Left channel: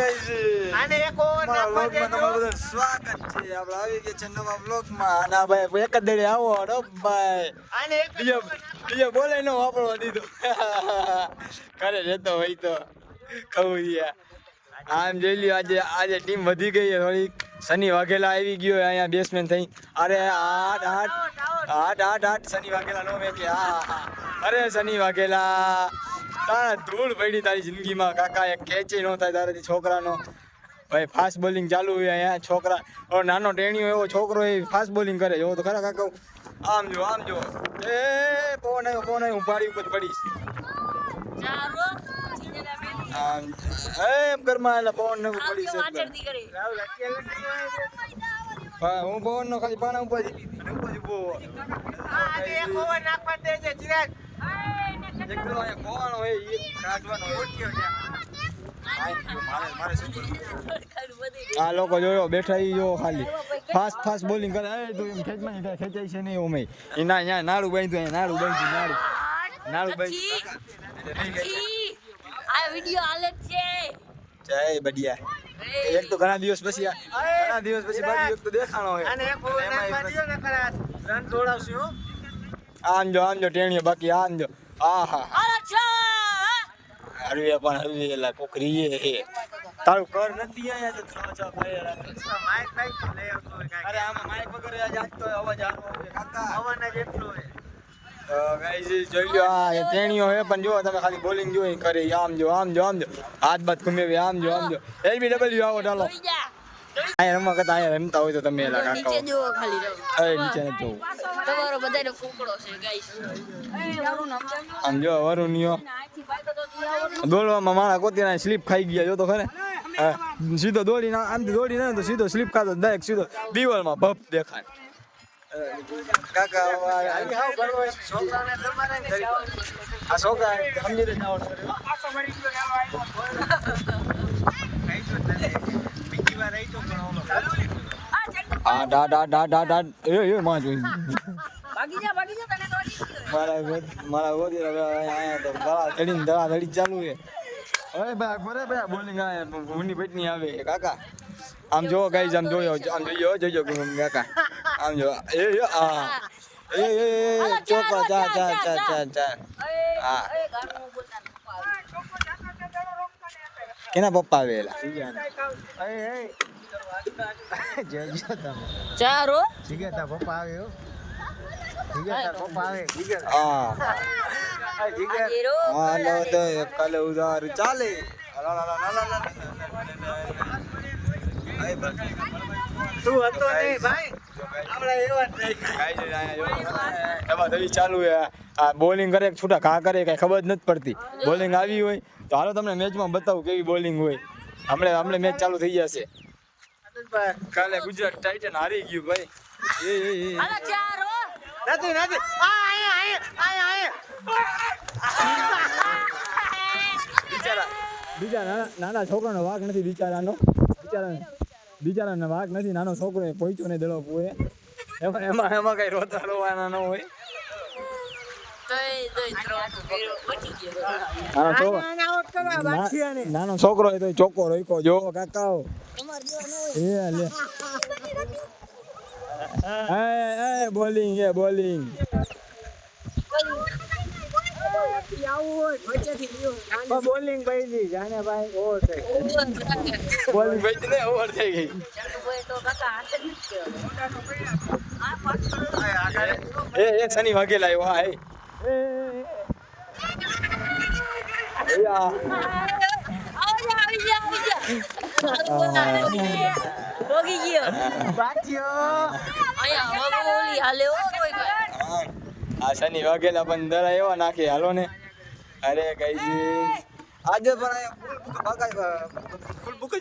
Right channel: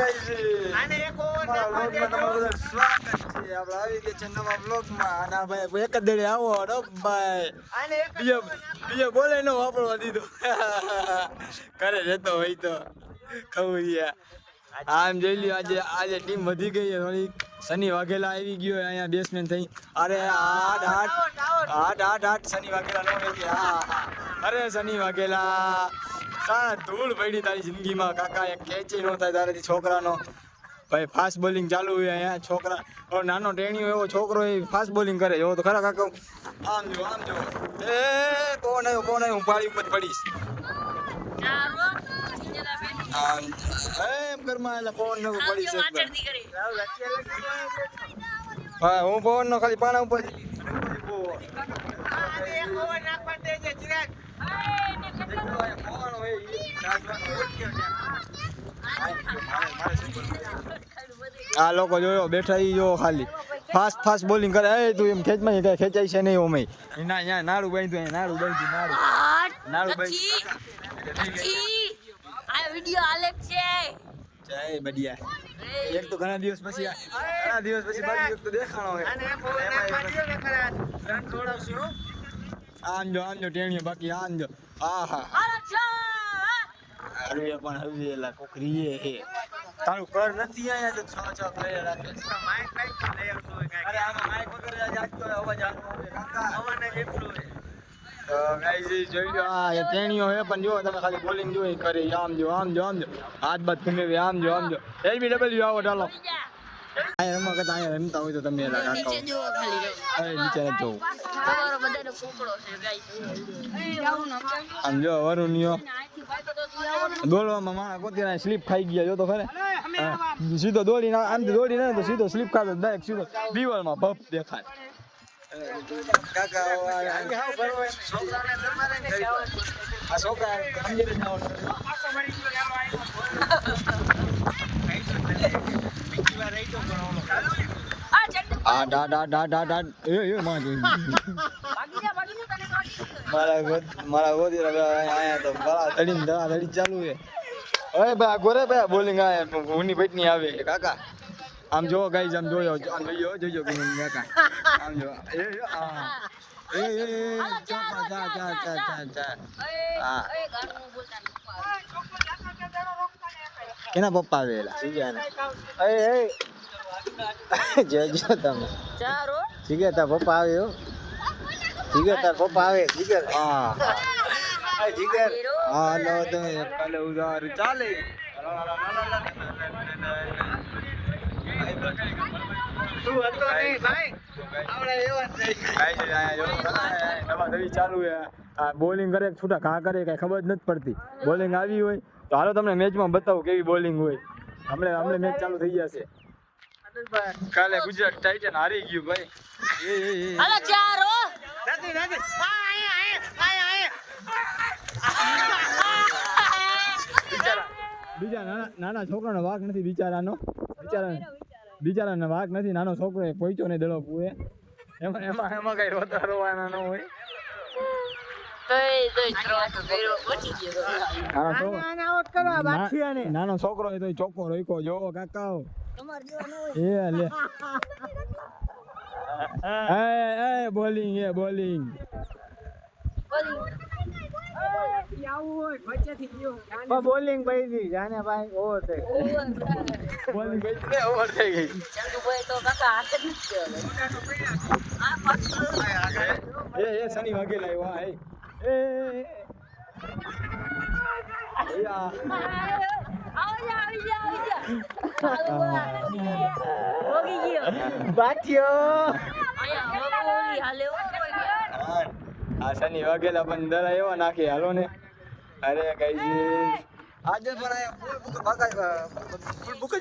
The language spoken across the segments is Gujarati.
સ્વાગત છે. આપણે આવી ગયા છે નવા બ્લોગમાં. અને ભાઈ એક જ દડે આવો ભાઈ બીજો બોલે નો વાપરવા દીધો. કરે જતો હોય તો ખવું. આમ જોઈ લ્યો, આજે ટીમ વધી ગઈ છે થોડીક. શનિ વાઘેલા આવી ગયો અહીંયા બેટ્સમેન થઈ. અરે આઠ શનિ વાઘેલા નો કે હા. અરે શનિ વાઘેલા, તારા ધૂળ પડી તારી જિંદગીમાં કાકા. એક કેચ ન થાય તારાથી છોકરાનો. ભાઈ ફાસ્ટ બોલિંગ ચાલુ હોય અહીંયા. છોકરા નાનો ટેણીઓ એવો છોકરો એ ફાસ્ટ બોલિંગ કરે. જો તો ખરા કાકા. આમ જો એ પવન આવ્યો હું પાડી ઉપર પડીશ. ઘરમાં એટલે પવન નો પડી છે. હું પવન નો ખાલી પાણા ઉપર આ લોકો જોયો બેઠા જો ખાલી ફાસ્ટ બોલિંગ કરે. તું એમ ખેંચમાં ખેંચાય છે નહીં ઓમે અહીંયા નાડું બાંધ્યું. નાડું બાંધ્યું આ વિડિયો આલે છે. જય બડિયા. એક તો ઘણા દિવસ પછી બાજુ એક તો દેખાણો હોય. એમાં રન દોડાવશે હો. આમ જો ટેણીઓ બાકી આમ જો. આહા હરવે પણ હરવે એલા કોકરીએ હે. તારું કર નથી અહીંયા તો 6 પ્લેયર રાખે છે. અરે આમાં માઈક વગર આજ તો અવાજ આવે કાકા. અવાજ જેટલો હોય. તો ગાઈસ જોઈ લો આ ટેણીઓ હે પણ જો તમે ખાલી બોલિંગ જોઈ કરે. આમ જો હાથ બાદ ઘુમેવી. આમ જો LBW આવો ચાલો. અહીંયા રમવા કરતા અહીંયા રમતા હોય તો તમે એલા કાકા નીચે નથી જોવું. આમ જો વરુણિયો દોડવામાં માણા કોતીના સ્લીપ ખાઈ ગયા. જો તો ખરે સીધો દોડીને આમથી દોડીને તો સીધો સ્લીપ ખાતો ડાયરેક્ટ સીધો દિવાલમાં ભપ દેખાય. કાકા આ છોકરા મારા ગોદી આયા તો બળા ધડી ચાલુ છે. હવે બા ગોરે ભાઈ બોલિંગ આયા ઊની પેટની આવે કાકા. આમ જો ગાઈઝ આમ જોયો કાકા. આમ જો એ ચોપા ચા હા. કેના પપ્પા આવેલા જોજો તમે. ચારો જીગર તાર પપ્પા આવ્યો. હા હાલો તો કાલે ઉધાર ચાલે. ચાલુ બોલિંગ કરે છૂટા ઘા કરે કઈ ખબર જ નથી પડતી. બોલિંગ આવી હોય તો હાલો તમને મેચમાં બતાવું કેવી બોલિંગ હોય. હમણે મેચ ચાલુ થઈ જશે. કાલે ગુજરાત ટાઇટન હારી ગયું ભાઈ. બીજા નાના છોકરાનો વાક નથી. બિચારાનો વાક નથી. નાનો છોકરો એ પહોંચ્યો ને દડો પૂરે. એમાં કઈ રોવાના ન હોય. નાનો છોકરો તો ચોખ્ખો રોકો જો કાકા. લે બોલિંગ બોલિંગ ભાઈ જાને ભાઈ ઓવર થઈ બોલિંગ ભાઈ ને ઓવર થઈ ગઈ. એ શનિ વાઘેલા આવ્યો. હા આ શનિ વાઘેલા પણ દરા એવા નાખે હાલો ને. અરે ગાઈઝ આજે પણ ફૂલ બુક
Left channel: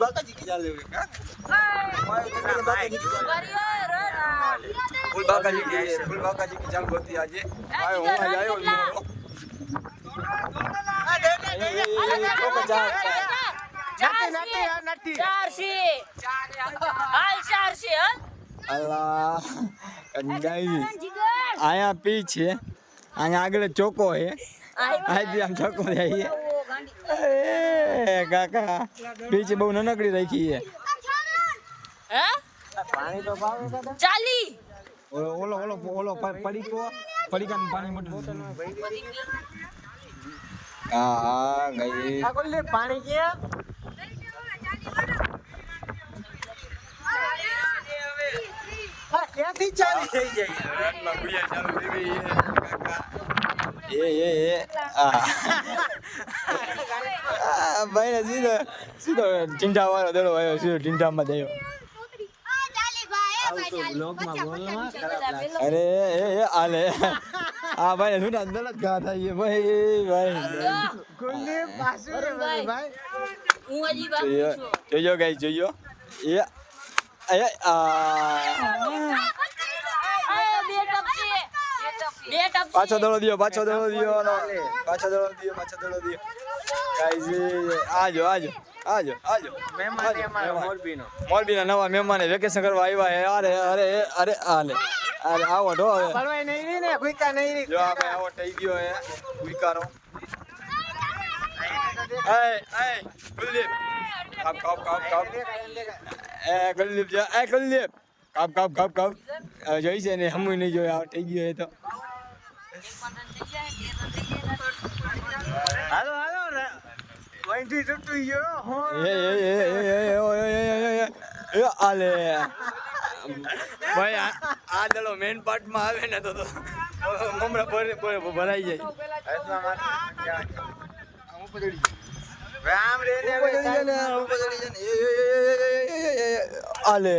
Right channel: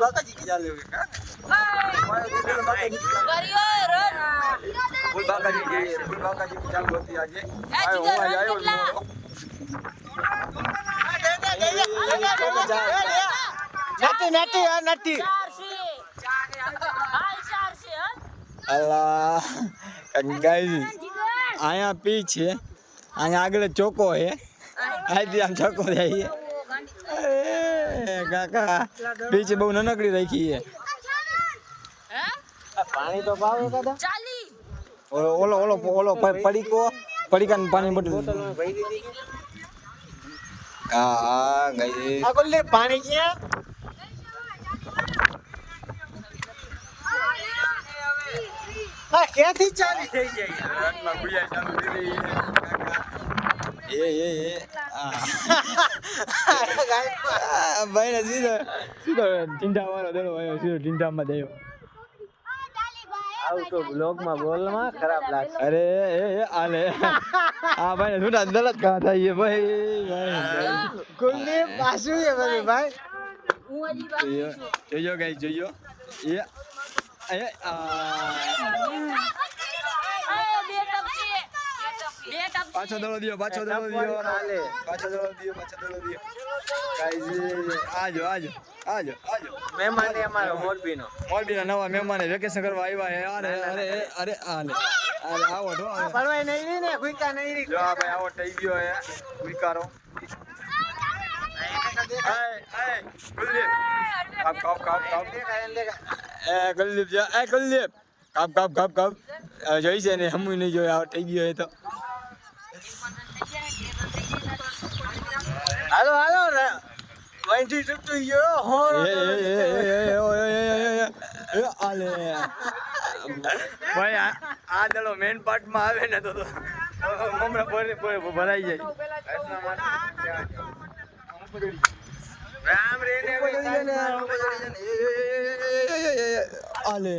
બાકાજી ચાલે ફૂલ બાકાજી की चालू होती आज. હું આજે આવ્યો મોડો. અલ્લાહ ગાઈઝ અહીંયા પીચ છે. અહીંયા આગળ ચોકો છે. અહીંથી આમ ચોકો જાય. કાકા બીચ બહુ નનકડી રાખી છે ઓલો ઓલો ઓલો પડીકાનું પાણી બોટલ હા ગઈ પાણી કે ક્યાંથી ચાલી થઈ જાય રનમાં ગુયા ચાલુ થઈ ગઈ છે કાકા ભાઈ ને સીધો સીધો ટીંડા વાળો દેડો આવ્યો સીધો ટીંડામાં દેવો અરે આલે આ ભાઈ છૂટા દલત ઘા થાય ભાઈ જોયો ગાઈ જોયો પાછો દડો દિયો પાછો દડો દિયો ગાઈઝ આજો મોરબીના નવા મહેમાન વેકેશન કરવા આવ્યા અરે અરે અરે આલે અરે આવો તો પડવાય નહીં ને ગુઈકા નહીં જો આ ભાઈ આવો થઈ ગયો હે ગુઈકારો ગુલ્લીપ કાપ ગુલ્લીપ ગુલ્લીપ કાપ જોઈ છે ને હમું નહીં જોયા આવો થઈ ગયો હે તો હાલો વંટી તૂટી ગયો આલે ભાઈ આ દડો મેન પાર્ટ માં આવે ને તો મમરા ભરાઈ જાય આલે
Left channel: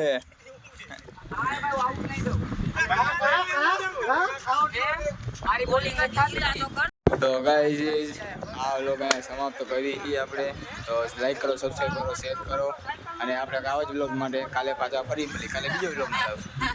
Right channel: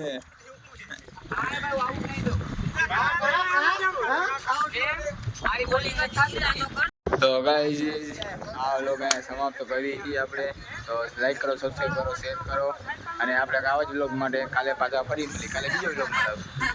તો ગાઈઝ આ વ્લોગ અહીંયા સમાપ્ત કરી આપણે તો લાઈક કરો સબસ્ક્રાઈબ કરો શેર કરો અને આપણે આવા જ વ્લોગ માટે કાલે પાછા ફરી મળી કાલે બીજો વ્લોગ માં આવશું